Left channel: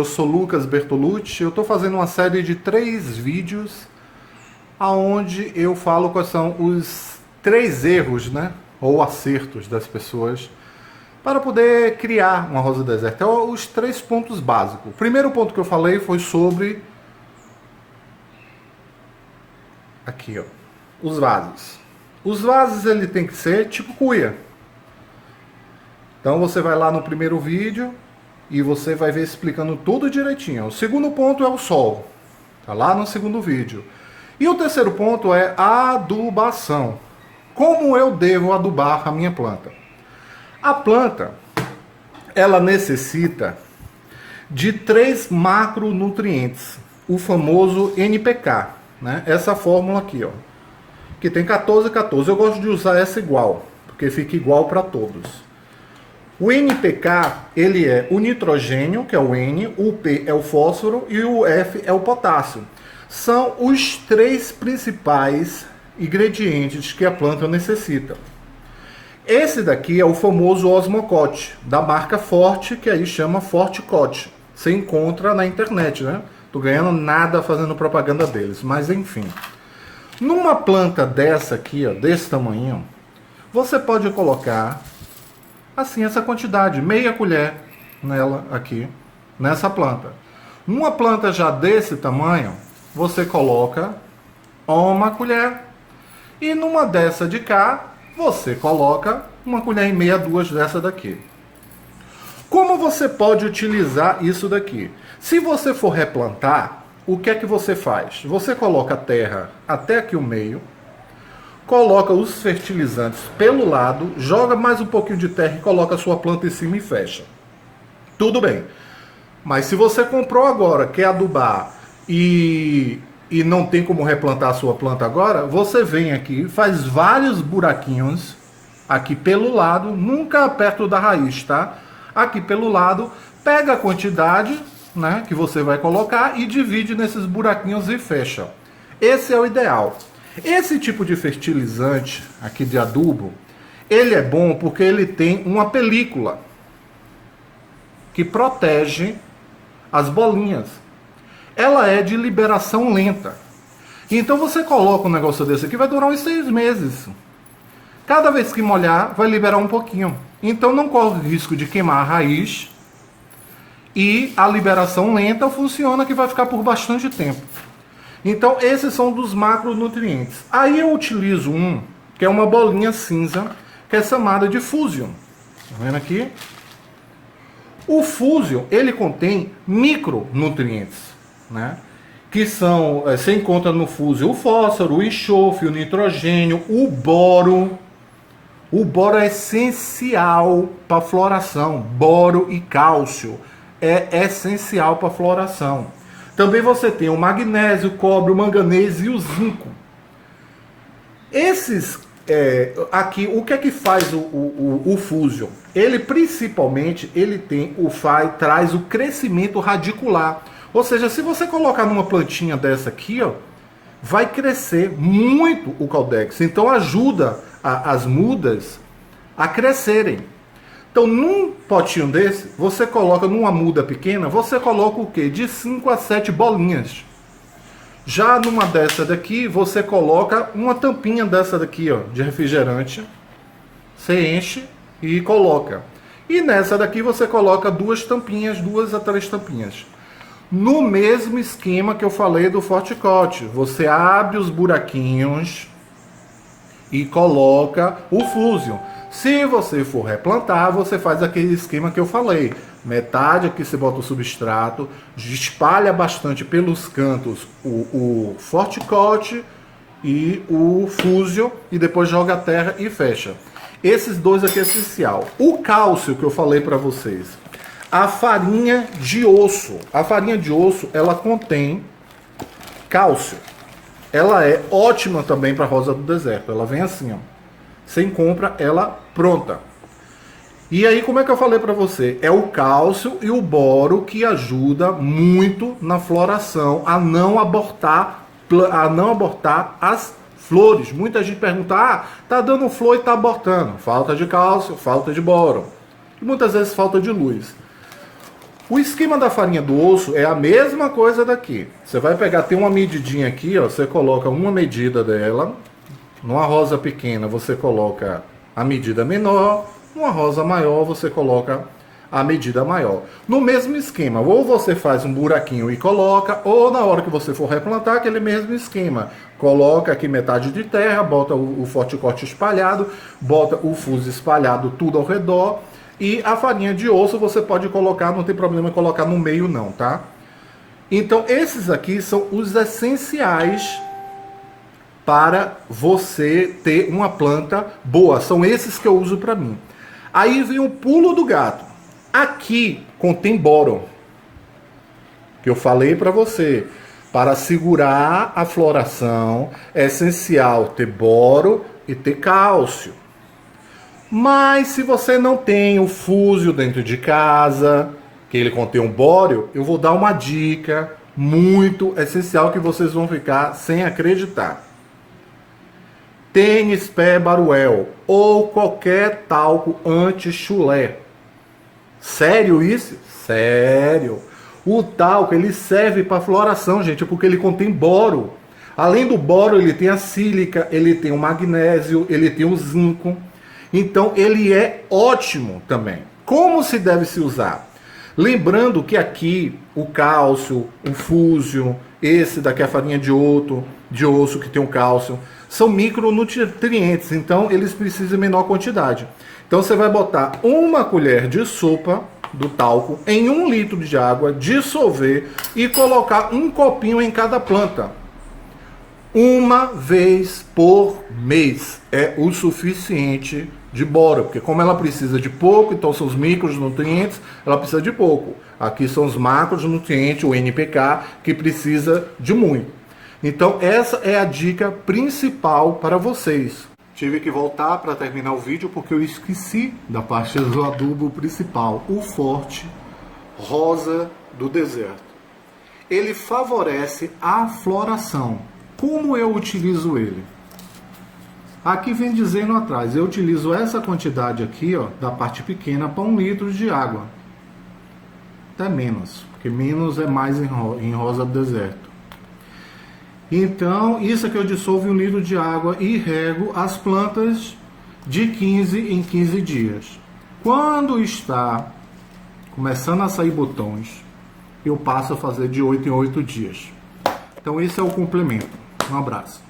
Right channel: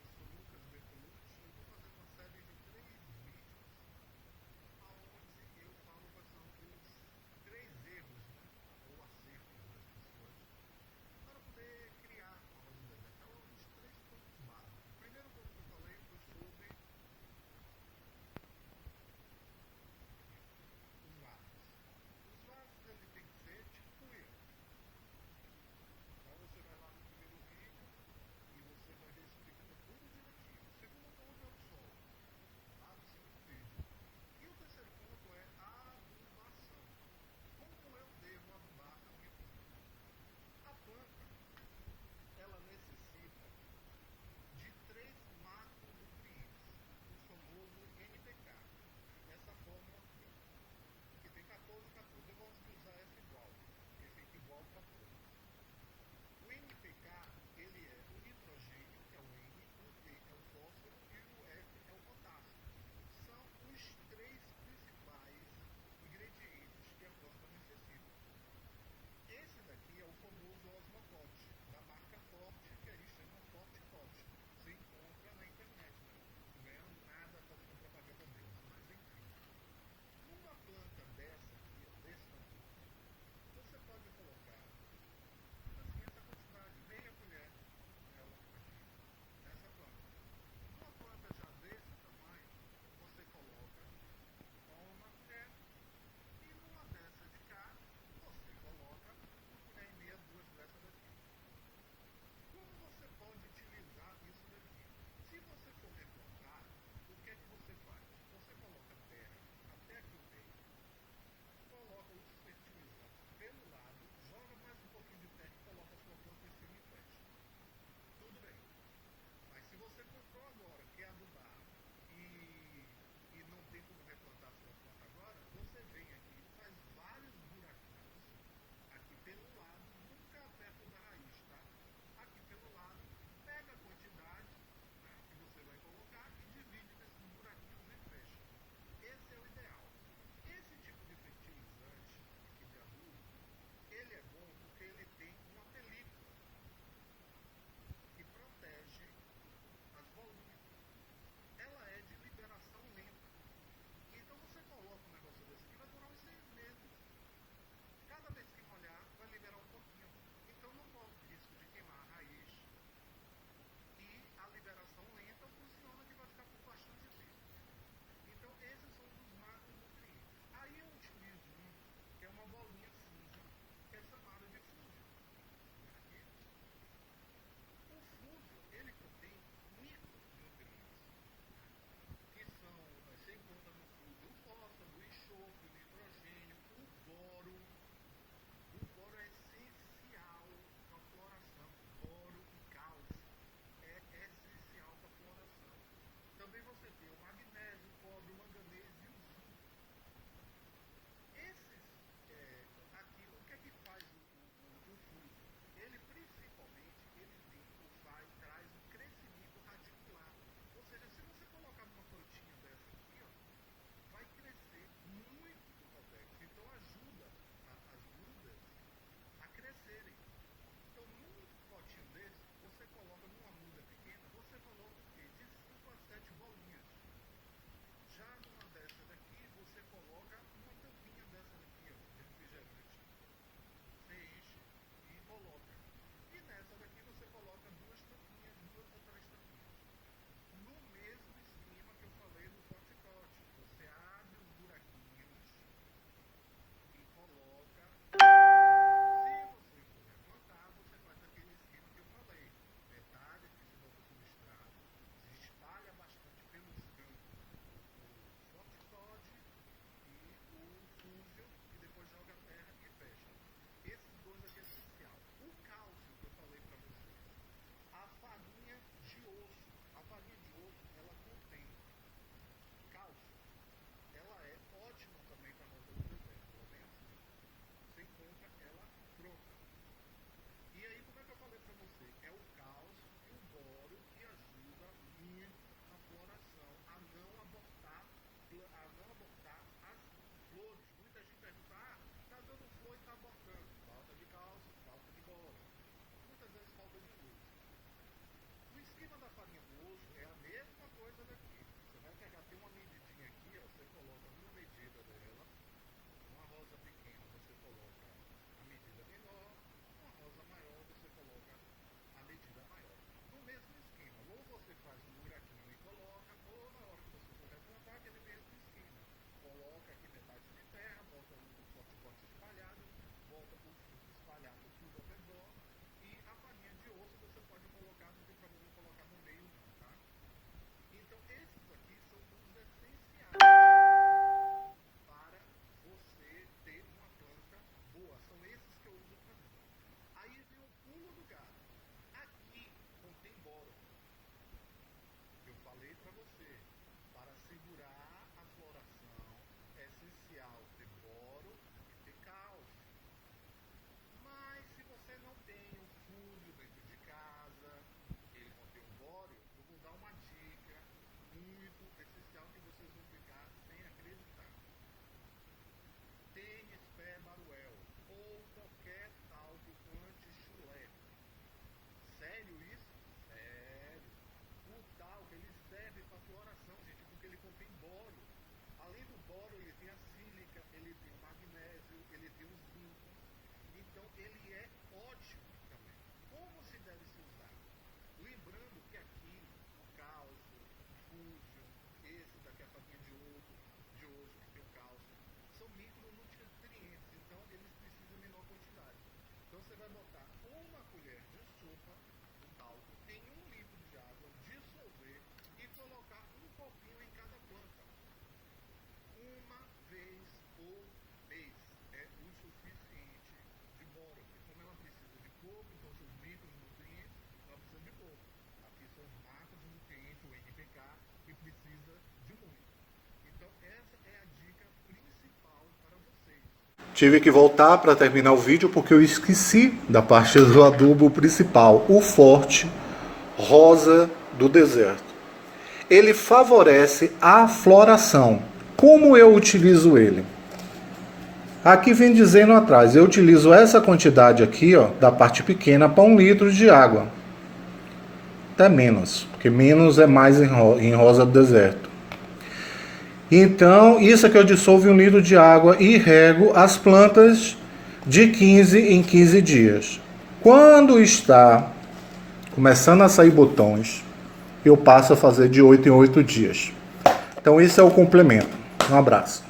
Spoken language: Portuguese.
eu sou Lucas Bertolucci. Eu estou fazendo uma série de 3 vídeos aonde eu falo quais são os 3 erros, né, ou acertos das pessoas para poder criar uma rosa do deserto. Então, os 3 pontos básicos. O primeiro ponto que eu falei foi sobre aqui, ó, os vasos. Os vasos ele tem que ser tipo cuia. Então você vai lá no primeiro vídeo e você vai ver explicando tudo direitinho. O segundo ponto é o sol. Tá lá no segundo vídeo. E o terceiro ponto é a adubação. Como eu devo adubar a minha planta? A planta, ela necessita de 3 macronutrientes. O famoso NPK, né? Essa fórmula aqui, ó, que tem 14, 14. Eu gosto de usar essa igual, porque fica igual para todos. O NPK, ele é o nitrogênio, que é o N, o P é o fósforo e o F é o potássio. São os 3 principais ingredientes que a planta necessita. Esse daqui é o famoso Osmocote, da marca Forte, que aí chama Fortecote. Você encontra na internet, né? Tô ganhando nada fazendo propaganda deles, mas enfim. Numa planta dessa aqui, ó, desse tamanho, você pode colocar assim essa quantidade, meia colher nela aqui, nessa planta. Numa planta já desse tamanho, você coloca uma colher. E numa dessa de cá, você coloca uma colher e meia, 2 dessa daqui. Como você pode utilizar isso daqui? Se você for replantar, o que é que você faz? Você coloca a terra até aqui o meio, coloca os fertilizantes pelo lado, joga mais um pouquinho de terra e coloca a sua planta em cima e fecha. Tudo bem. Mas se você comprou agora, quer adubar e não tem como replantar a sua planta agora, você vem aqui, faz vários buraquinhos aqui pelo lado, nunca perto da raiz, tá? Aqui pelo lado, pega a quantidade, né, que você vai colocar e divide nesses buraquinhos e fecha. Esse é o ideal. Esse tipo de fertilizante aqui de adubo, ele é bom porque ele tem uma película que protege as bolinhas. Ela é de liberação lenta. Então você coloca um negócio desse aqui, vai durar uns 6 meses. Cada vez que molhar, vai liberar um pouquinho. Então não corre o risco de queimar a raiz. E a liberação lenta funciona que vai ficar por bastante tempo. Então esses são dos macronutrientes. Aí eu utilizo um, que é uma bolinha cinza, que é chamada de Fusion. Tá vendo aqui? O Fusion, ele contém micronutrientes, né? Que são, você encontra no Fusion o fósforo, o enxofre, o nitrogênio, o boro. O boro é essencial para a floração. Boro e cálcio é essencial para a floração. Também você tem o magnésio, o cobre, o manganês e o zinco. Esses aqui, o que é que faz o Fusion? Ele principalmente traz o crescimento radicular. Ou seja, se você colocar numa plantinha dessa aqui, ó, vai crescer muito o Caldex. Então ajuda as mudas a crescerem. Então num potinho desse, você coloca numa muda pequena, você coloca o quê? De 5 a 7 bolinhas. Já numa dessa daqui, você coloca uma tampinha dessa daqui, ó, de refrigerante. Você enche e coloca. E nessa daqui você coloca 2 tampinhas, 2 a 3 tampinhas. No mesmo esquema que eu falei do Fortecote. Você abre os buraquinhos e coloca o Fusion. Se você for replantar, você faz aquele esquema que eu falei. Metade aqui você bota o substrato, espalha bastante pelos cantos o Fortecote e o Fusion e depois joga a terra e fecha. Esses 2 aqui é essencial. O cálcio que eu falei para vocês. A farinha de osso. A farinha de osso, ela contém cálcio. Ela é ótima também para rosa do deserto. Ela vem assim, ó. Você compra ela pronta. E aí, como é que eu falei para você? É o cálcio e o boro que ajuda muito na floração a não abortar as flores. Muita gente pergunta, tá dando flor e tá abortando. Falta de cálcio, falta de boro. E muitas vezes falta de luz. O esquema da farinha do osso é a mesma coisa daqui. Você vai pegar, tem uma medidinha aqui, ó, você coloca uma medida dela. Numa rosa pequena você coloca a medida menor, numa rosa maior você coloca a medida maior. No mesmo esquema, ou você faz um buraquinho e coloca, ou na hora que você for replantar, aquele mesmo esquema. Coloca aqui metade de terra, bota o forte-corte espalhado, bota o fuso espalhado tudo ao redor. E a farinha de osso você pode colocar, não tem problema colocar no meio não, tá? Então esses aqui são os essenciais para você ter uma planta boa. São esses que eu uso para mim. Aí vem o pulo do gato. Aqui contém boro, que eu falei para você. Para segurar a floração é essencial ter boro e ter cálcio. Mas se você não tem o fúsio dentro de casa, que ele contém um bório, eu vou dar uma dica muito essencial que vocês vão ficar sem acreditar. Tênis Pé Baruel ou qualquer talco anti-chulé. Sério isso? Sério. O talco ele serve para floração, gente, porque ele contém boro. Além do boro, ele tem a sílica, ele tem o magnésio, ele tem o zinco. Então ele é ótimo também. Como se deve se usar? Lembrando que aqui o cálcio, o fúsio, esse daqui é a farinha de osso que tem o cálcio, são micronutrientes, então eles precisam em menor quantidade. Então você vai botar uma colher de sopa do talco em 1 litro de água, dissolver e colocar um copinho em cada planta. Uma vez por mês é o suficiente de boro, porque como ela precisa de pouco, então são os micronutrientes, ela precisa de pouco. Aqui são os macronutrientes, o NPK, que precisa de muito. Então essa é a dica principal para vocês. Tive que voltar para terminar o vídeo porque eu esqueci da parte do adubo principal, o forte rosa do deserto. Ele favorece a floração. Como eu utilizo ele? Aqui vem dizendo atrás, eu utilizo essa quantidade aqui, ó, da parte pequena para 1 litro de água. Até menos, porque menos é mais em rosa do deserto. Então, isso aqui eu dissolvo em 1 litro de água e rego as plantas de 15 em 15 dias. Quando está começando a sair botões, eu passo a fazer de 8 em 8 dias. Então, esse é o complemento. Um abraço.